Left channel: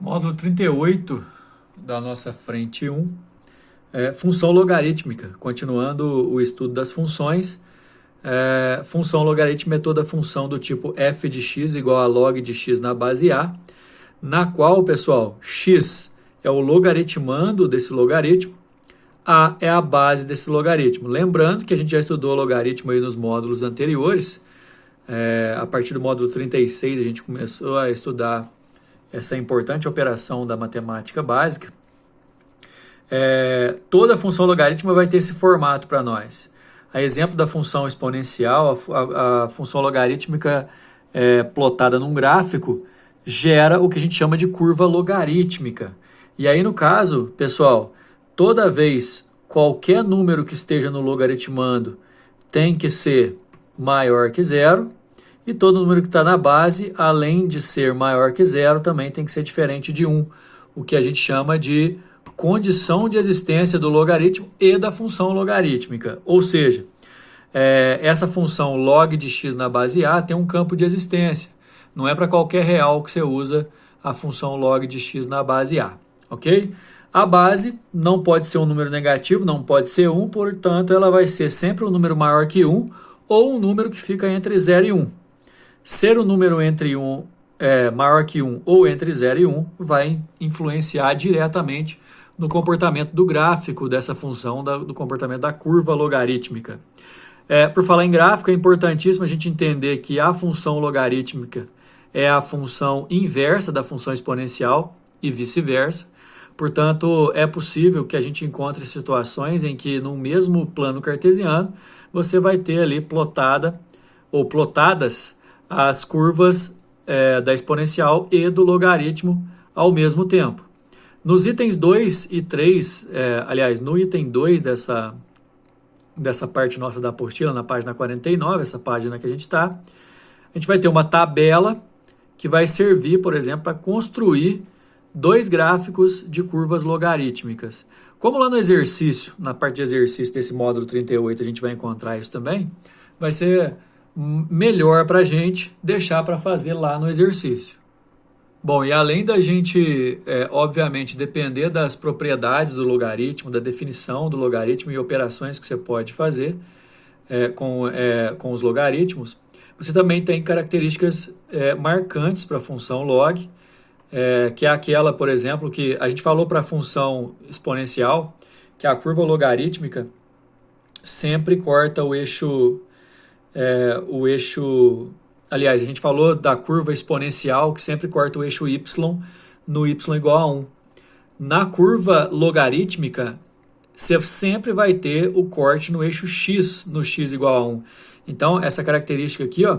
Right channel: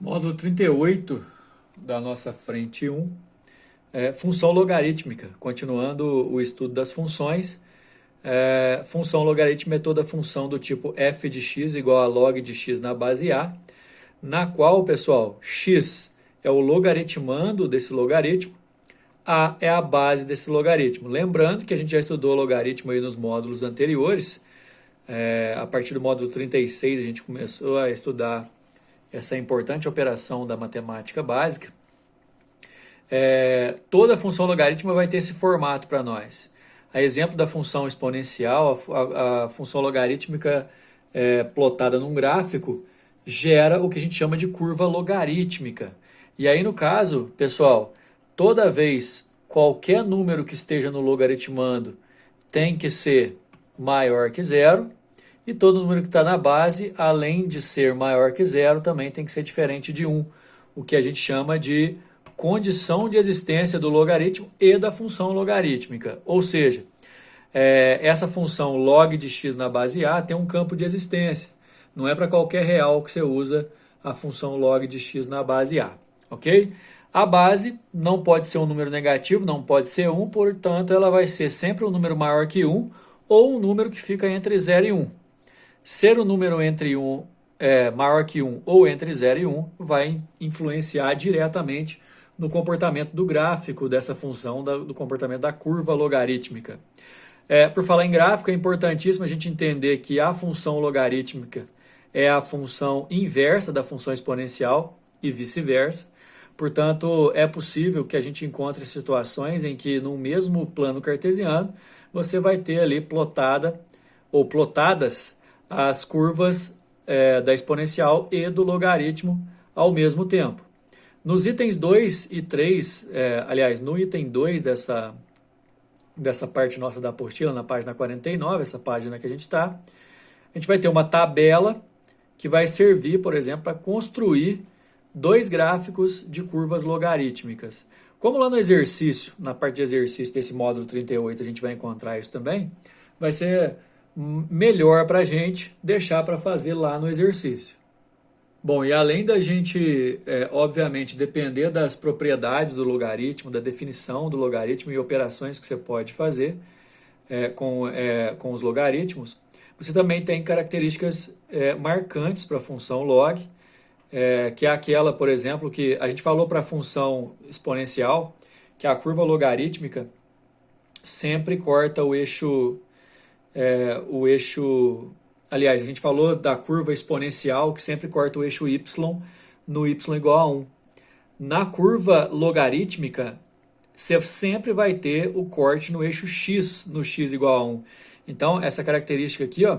Módulo 38 da nossa frente 1, função logarítmica. Continuando o estudo das funções, função logarítmica é toda função do tipo f de x igual a log de x na base a, na qual, pessoal, x é o logaritmando desse logaritmo, a é a base desse logaritmo. Lembrando que a gente já estudou logaritmo aí nos módulos anteriores. A partir do módulo 36 a gente começou a estudar essa importante operação da matemática básica. Toda função logarítmica vai ter esse formato para nós. A exemplo da função exponencial, a função logarítmica plotada num gráfico gera o que a gente chama de curva logarítmica. E aí, no caso, pessoal, toda vez qualquer número que esteja no logaritmando tem que ser maior que zero, e todo número que está na base, além de ser maior que zero, também tem que ser diferente de 1, o que a gente chama de condição de existência do logaritmo e da função logarítmica. Ou seja, essa função log de x na base a tem um campo de existência. Não é para qualquer real que você usa a função log de x na base a, ok? A base não pode ser um número negativo, não pode ser 1, portanto, ela vai ser sempre um número maior que 1 ou um número que fica entre 0 e 1. Ser um número entre 1, maior que 1 ou entre 0 e 1 vai influenciar diretamente no comportamento do gráfico dessa função, do comportamento da curva logarítmica. Por falar em gráfico, é importantíssimo a gente entender que a função logarítmica é a função inversa da função exponencial e vice-versa. Portanto, é possível que a gente encontre situações em que no mesmo plano cartesiano você vai ter ali plotadas as curvas da exponencial e do logaritmo ao mesmo tempo. Nos itens 2 e 3, aliás, no item 2 dessa parte nossa da apostila, na página 49, essa página que a gente está, a gente vai ter uma tabela que vai servir, por exemplo, para construir dois gráficos de curvas logarítmicas. Como lá no exercício, na parte de exercício desse módulo 38, a gente vai encontrar isso também, vai ser melhor para a gente deixar para fazer lá no exercício. Bom, e além da gente, obviamente, depender das propriedades do logaritmo, da definição do logaritmo e operações que você pode fazer com os logaritmos, você também tem características marcantes para a função log, que é aquela, por exemplo, que a gente falou para a função exponencial, que a curva logarítmica sempre corta o eixo. Aliás, a gente falou da curva exponencial que sempre corta o eixo y no y igual a 1. Na curva logarítmica, você sempre vai ter o corte no eixo x, no x igual a 1. Então, essa característica aqui, ó,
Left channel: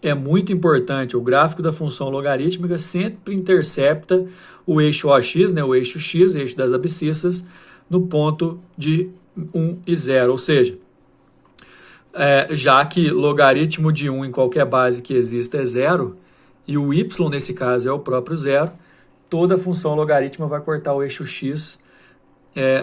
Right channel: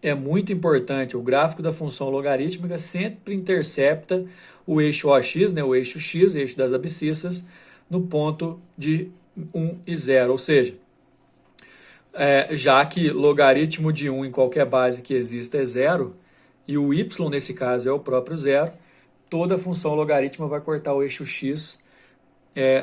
é muito importante. O gráfico da função logarítmica sempre intercepta o eixo OX, né, o eixo x, eixo das abscissas, no ponto de 1 e 0, ou seja, já que logaritmo de 1 em qualquer base que exista é 0, e o y nesse caso é o próprio 0, toda função logarítmica vai cortar o eixo x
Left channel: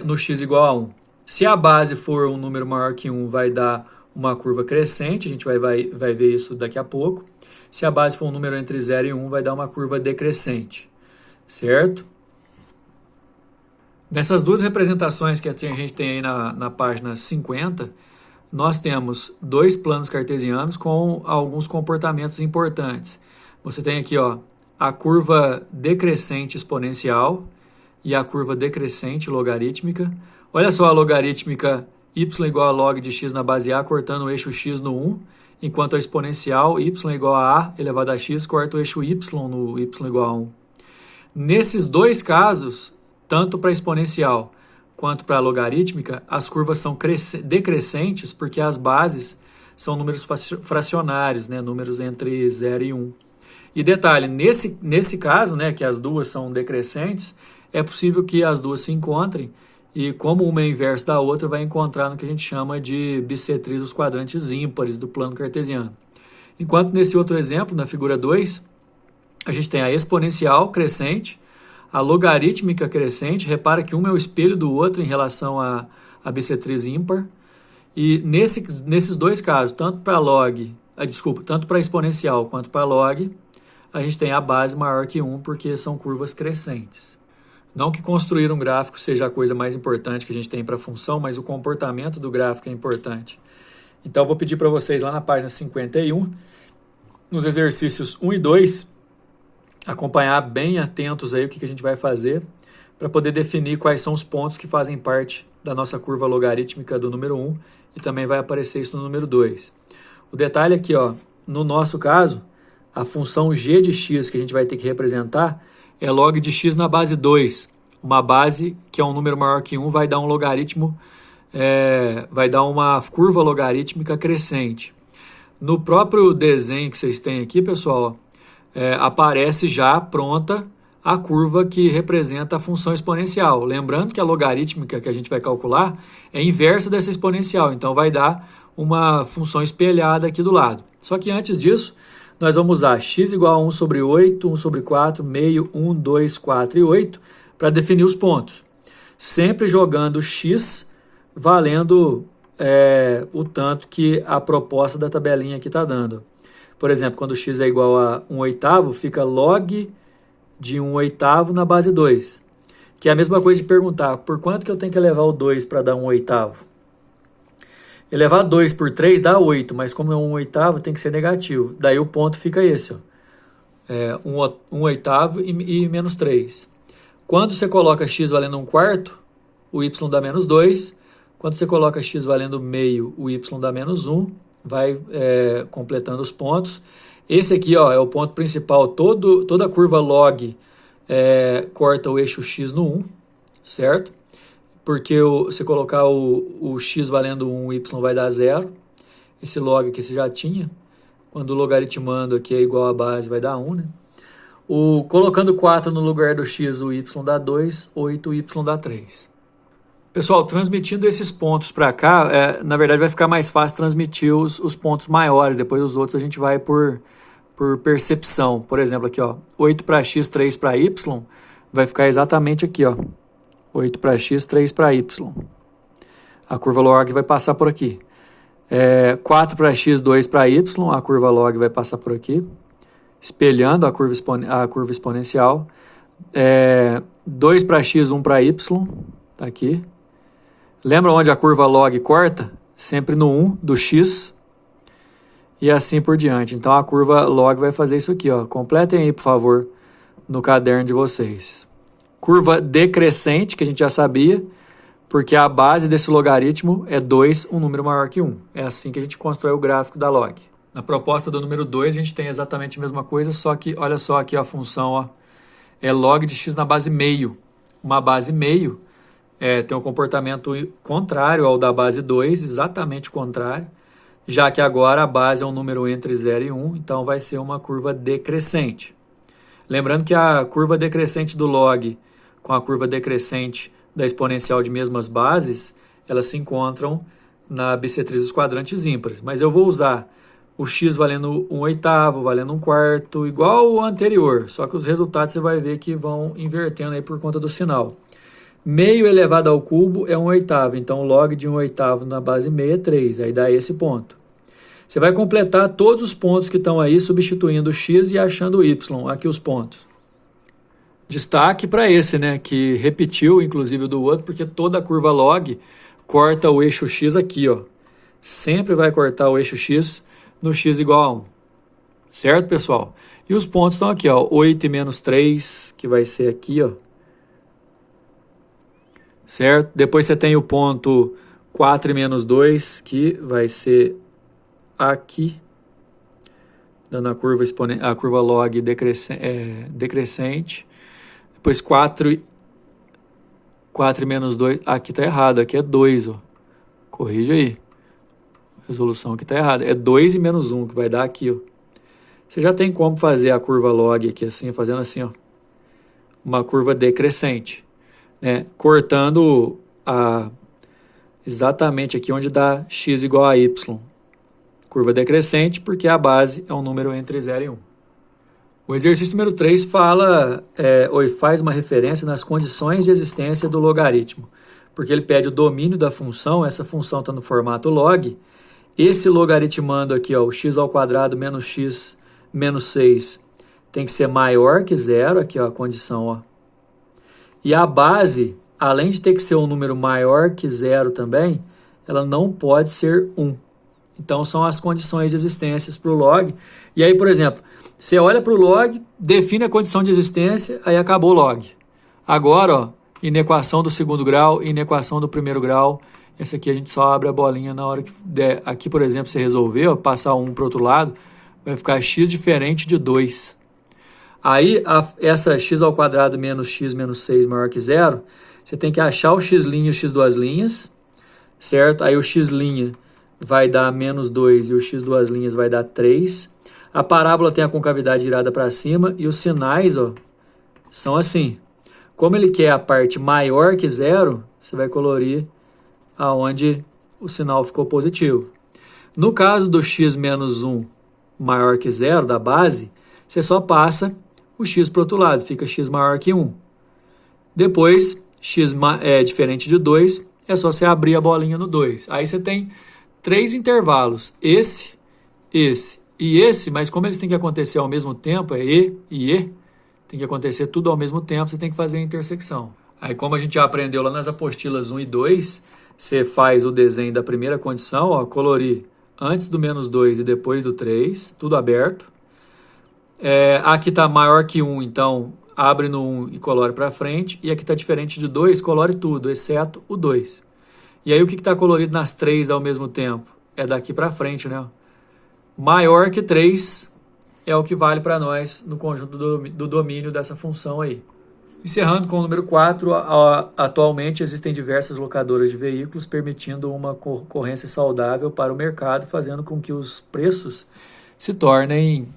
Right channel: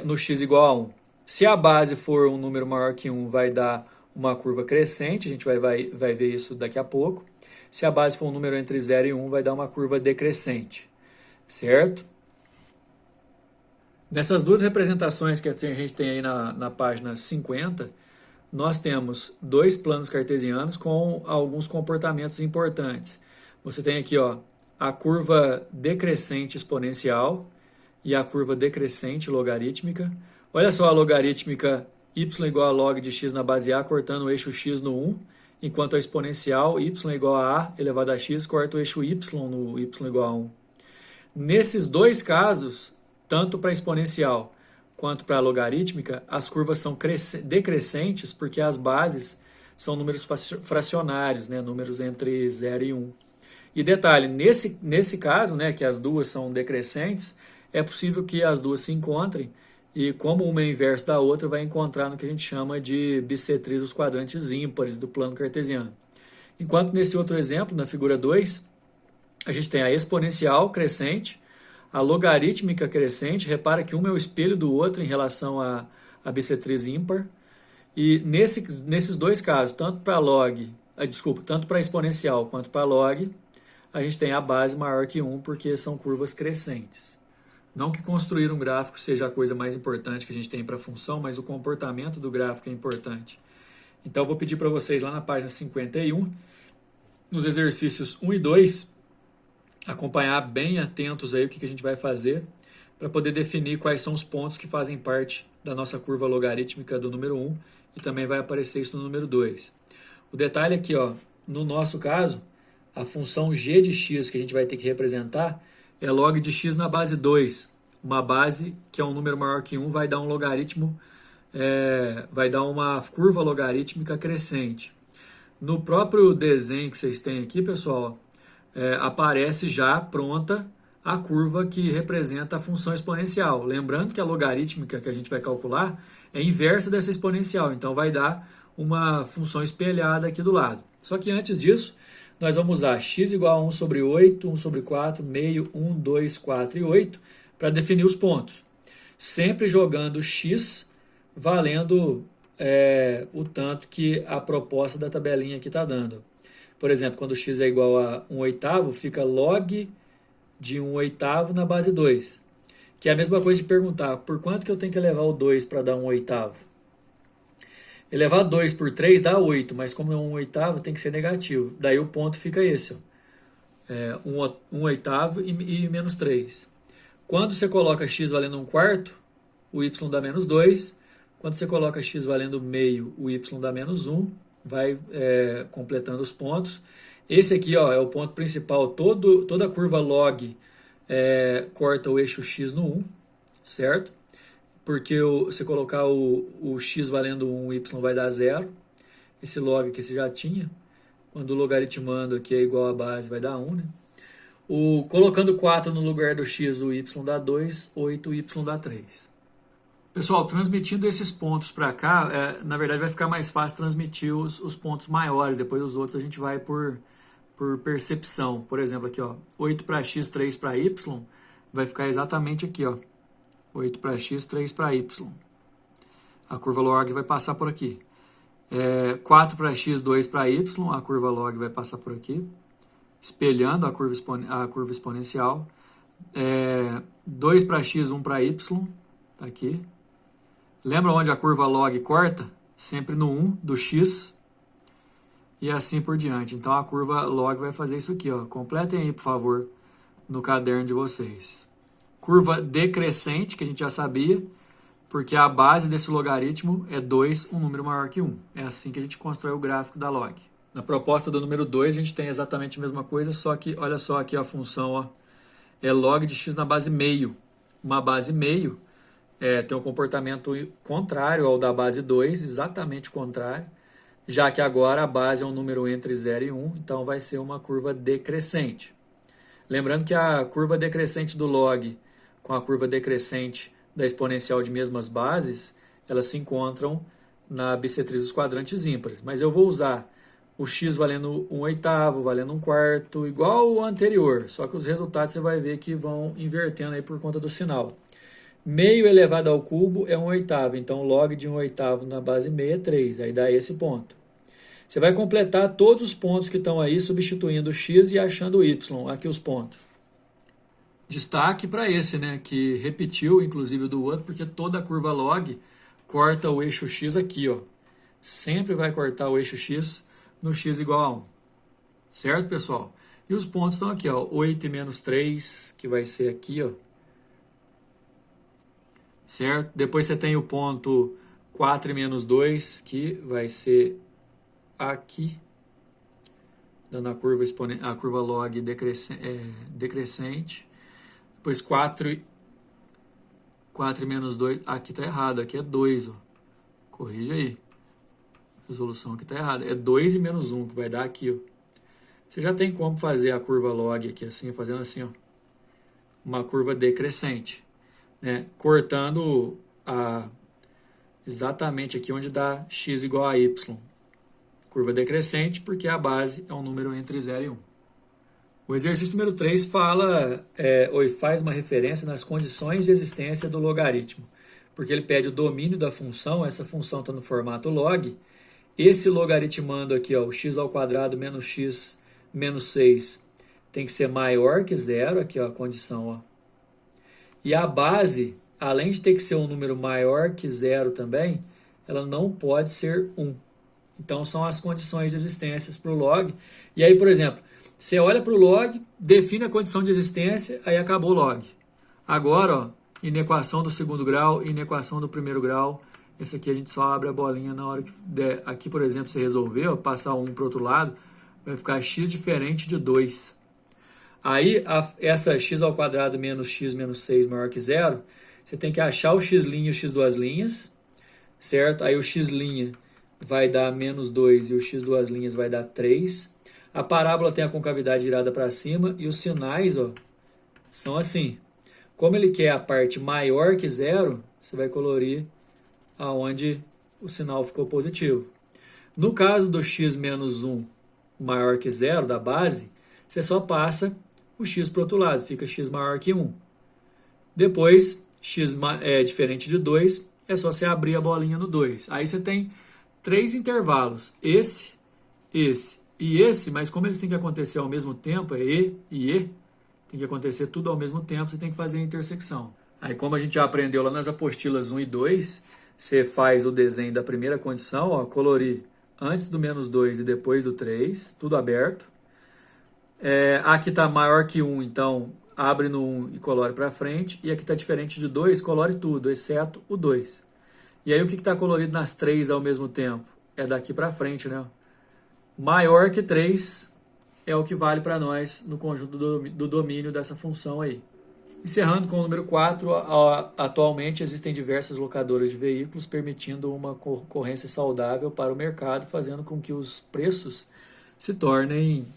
no x igual a 1. Se a base for um número maior que 1, vai dar uma curva crescente, a gente vai ver isso daqui a pouco. Se a base for um número entre 0 e 1, vai dar uma curva decrescente, certo? Nessas duas representações que a gente tem aí na página 50, nós temos dois planos cartesianos com alguns comportamentos importantes. Você tem aqui, ó, a curva decrescente exponencial e a curva decrescente logarítmica. Olha só a logarítmica y igual a log de x na base a cortando o eixo x no 1, enquanto a exponencial y igual a elevado a x corta o eixo y no y igual a 1. Nesses dois casos, tanto para a exponencial quanto para a logarítmica, as curvas são decrescentes porque as bases são números fracionários, né? Números entre 0 e 1. E detalhe, nesse caso, né, que as duas são decrescentes, é possível que as duas se encontrem e, como uma é inversa da outra, vai encontrar no que a gente chama de bissetriz dos quadrantes ímpares do plano cartesiano. Enquanto nesse outro exemplo, na figura 2, a gente tem a exponencial crescente, a logarítmica crescente. Repara que uma é o espelho do outro em relação à bissetriz ímpar. E nesses dois casos, tanto para a exponencial quanto para a log, a gente tem a base maior que 1, porque são curvas crescentes. Não que construir um gráfico seja a coisa mais importante que a gente tem para a função, mas o comportamento do gráfico é importante. Então, eu vou pedir para vocês lá na página 51, nos exercícios 1 e 2, acompanhar bem atentos aí o que a gente vai fazer para poder definir quais são os pontos que fazem parte da nossa curva logarítmica do número 1 e também vai aparecer isso no número 2. O detalhe aqui, ó, no nosso caso, a função g de x que a gente vai ter que representar é log de x na base 2. Uma base que é um número maior que 1 vai dar um logaritmo, vai dar uma curva logarítmica crescente. No próprio desenho que vocês têm aqui, pessoal, aparece já pronta a curva que representa a função exponencial. Lembrando que a logarítmica que a gente vai calcular é inversa dessa exponencial, então vai dar uma função espelhada aqui do lado. Só que antes disso, nós vamos usar x igual a 1 sobre 8, 1 sobre 4, meio, 1, 2, 4 e 8 para definir os pontos. Sempre jogando x valendo o tanto que a proposta da tabelinha aqui está dando. Por exemplo, quando x é igual a 1/8, fica log de 1/8 na base 2. Que é a mesma coisa de perguntar, por quanto que eu tenho que elevar o 2 para dar 1/8? Elevar 2 por 3 dá 8, mas como é 1/8, tem que ser negativo. Daí o ponto fica esse, ó. 1/8 e menos 3. Quando você coloca x valendo 1/4, o y dá menos 2. Quando você coloca x valendo meio, o y dá menos 1. Vai completando os pontos. Esse aqui, ó, é o ponto principal. Toda a curva log corta o eixo x no 1, certo? Porque se colocar o x valendo 1, o y vai dar 0. Esse log aqui você já tinha. Quando o logaritmando aqui é igual a base, vai dar 1, né? Colocando 4 no lugar do x, o y dá 2, 8, o y dá 3. Pessoal, transmitindo esses pontos para cá, na verdade vai ficar mais fácil transmitir os pontos maiores. Depois os outros a gente vai por percepção. Por exemplo, aqui, ó, 8 para x, 3 para y, vai ficar exatamente aqui, ó. 8 para x, 3 para y. A curva log vai passar por aqui. 4 para x, 2 para y, a curva log vai passar por aqui, espelhando a curva exponencial. 2 para x, 1 para y, tá aqui. Lembra onde a curva log corta? Sempre no 1 do x e assim por diante. Então a curva log vai fazer isso aqui, ó. Completem aí, por favor, no caderno de vocês. Curva decrescente, que a gente já sabia, porque a base desse logaritmo é 2, um número maior que 1. É assim que a gente constrói o gráfico da log. Na proposta do número 2, a gente tem exatamente a mesma coisa, só que olha só aqui a função, ó, é log de x na base meio. Uma base meio tem um comportamento contrário ao da base 2, exatamente contrário, já que agora a base é um número entre 0 e 1, então vai ser uma curva decrescente. Lembrando que a curva decrescente do log com a curva decrescente da exponencial de mesmas bases, elas se encontram na bissetriz dos quadrantes ímpares. Mas eu vou usar o x valendo 1/8, valendo 1/4, igual o anterior, só que os resultados você vai ver que vão invertendo aí por conta do sinal. Meio elevado ao cubo é 1/8, então log de 1/8 na base meia é 3, aí dá esse ponto. Você vai completar todos os pontos que estão aí, substituindo o x e achando o y, aqui os pontos. Destaque para esse, né, que repetiu inclusive do outro, porque toda a curva log corta o eixo x aqui, ó. Sempre vai cortar o eixo x no x igual a 1. Certo, pessoal? E os pontos estão aqui, ó, 8 e menos 3, que vai ser aqui, ó. Certo? Depois você tem o ponto 4 e menos 2, que vai ser aqui, dando a curva log decrescente. Depois 4 e menos 2, aqui está errado, aqui é 2, ó. Corrige aí. A resolução aqui está errada. É 2 e menos 1, que vai dar aqui, ó. Você já tem como fazer a curva log aqui assim, fazendo assim, ó. Uma curva decrescente, né? Cortando exatamente aqui onde dá x igual a y. Curva decrescente, porque a base é um número entre 0 e 1. O exercício número 3 faz uma referência nas condições de existência do logaritmo, porque ele pede o domínio da função, essa função está no formato log, esse logaritmando aqui, ó, o x² menos x menos 6, tem que ser maior que zero, aqui ó, a condição, ó. E a base, além de ter que ser um número maior que zero também, ela não pode ser 1. Então, são as condições de existência para o log. E aí, por exemplo, você olha para o log, define a condição de existência, aí acabou o log. Agora, ó, inequação do segundo grau, inequação do primeiro grau. Essa aqui a gente só abre a bolinha na hora que der. Aqui, por exemplo, você resolveu passar um para o outro lado, vai ficar x diferente de 2. Aí, essa x ao quadrado menos x menos 6 maior que zero, você tem que achar o x' e o x duas linhas, certo? Aí o x' vai dar menos 2 e o x duas linhas vai dar 3. A parábola tem a concavidade virada para cima e os sinais, ó, são assim. Como ele quer a parte maior que zero, você vai colorir aonde o sinal ficou positivo. No caso do x menos 1 maior que zero, da base, você só passa o x para o outro lado, fica x maior que 1. Depois, x é diferente de 2, é só você abrir a bolinha no 2. Aí você tem 3 intervalos, esse e esse, mas como eles têm que acontecer ao mesmo tempo, é E e E, tem que acontecer tudo ao mesmo tempo, você tem que fazer a intersecção. Aí como a gente já aprendeu lá nas apostilas 1 e 2, você faz o desenho da primeira condição, ó, colorir antes do menos 2 e depois do 3, tudo aberto. Aqui está maior que 1, então abre no 1 e colore para frente, e aqui está diferente de 2, colore tudo, exceto o 2. E aí o que está colorido nas 3 ao mesmo tempo? É daqui para frente, né? Maior que 3 é o que vale para nós no conjunto do domínio dessa função aí. Encerrando com o número 4, atualmente existem diversas locadoras de veículos permitindo uma concorrência saudável para o mercado, fazendo com que os preços se tornem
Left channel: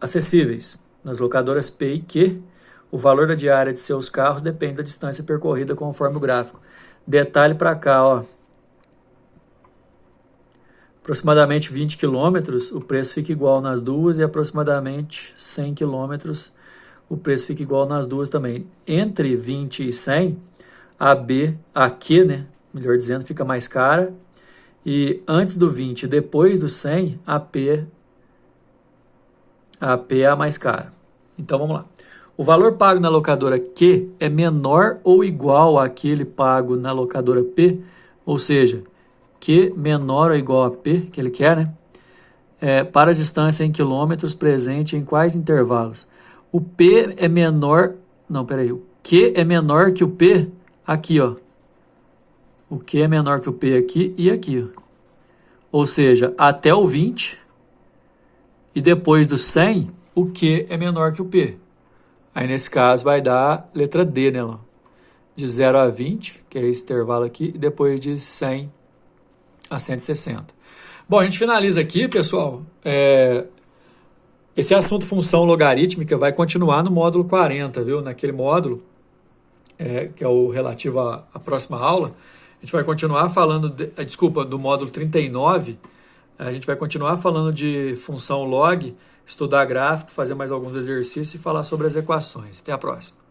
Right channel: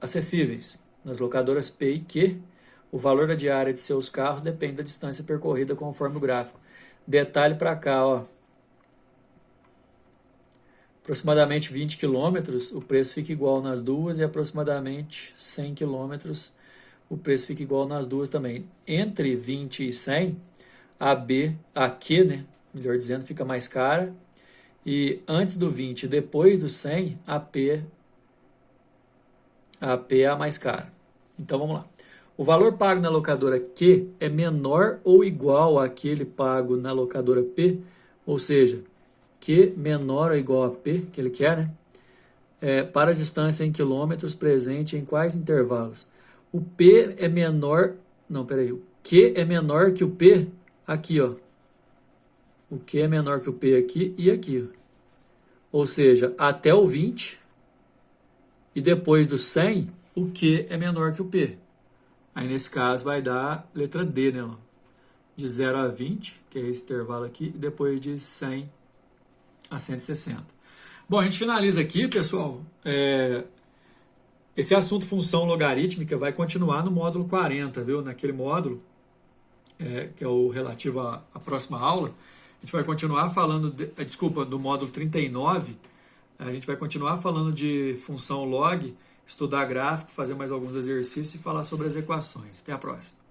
acessíveis. Nas locadoras P e Q, o valor da diária de seus carros depende da distância percorrida conforme o gráfico. Detalhe para cá, ó. Aproximadamente 20 km, o preço fica igual nas duas, e aproximadamente 100 km, o preço fica igual nas duas também. Entre 20 e 100, a Q, né, melhor dizendo, fica mais cara, e antes do 20 e depois do 100, a P é a mais cara. Então, vamos lá. O valor pago na locadora Q é menor ou igual àquele pago na locadora P, ou seja, Q menor ou igual a P, que ele quer, né? Para a distância em quilômetros presente em quais intervalos? O P é menor... Não, peraí. O Q é menor que o P aqui, ó. O Q é menor que o P aqui e aqui, ó. Ou seja, até o 20 e depois do 100, o Q é menor que o P. Aí, nesse caso, vai dar letra D, né? Ó. De 0 a 20, que é esse intervalo aqui, e depois de 100 a 160. Bom, a gente finaliza aqui, pessoal. Esse assunto função logarítmica vai continuar no módulo 40, viu? Naquele módulo, que é o relativo à próxima aula, a gente vai continuar falando, do módulo 39, a gente vai continuar falando de função log, estudar gráfico, fazer mais alguns exercícios e falar sobre as equações. Até a próxima.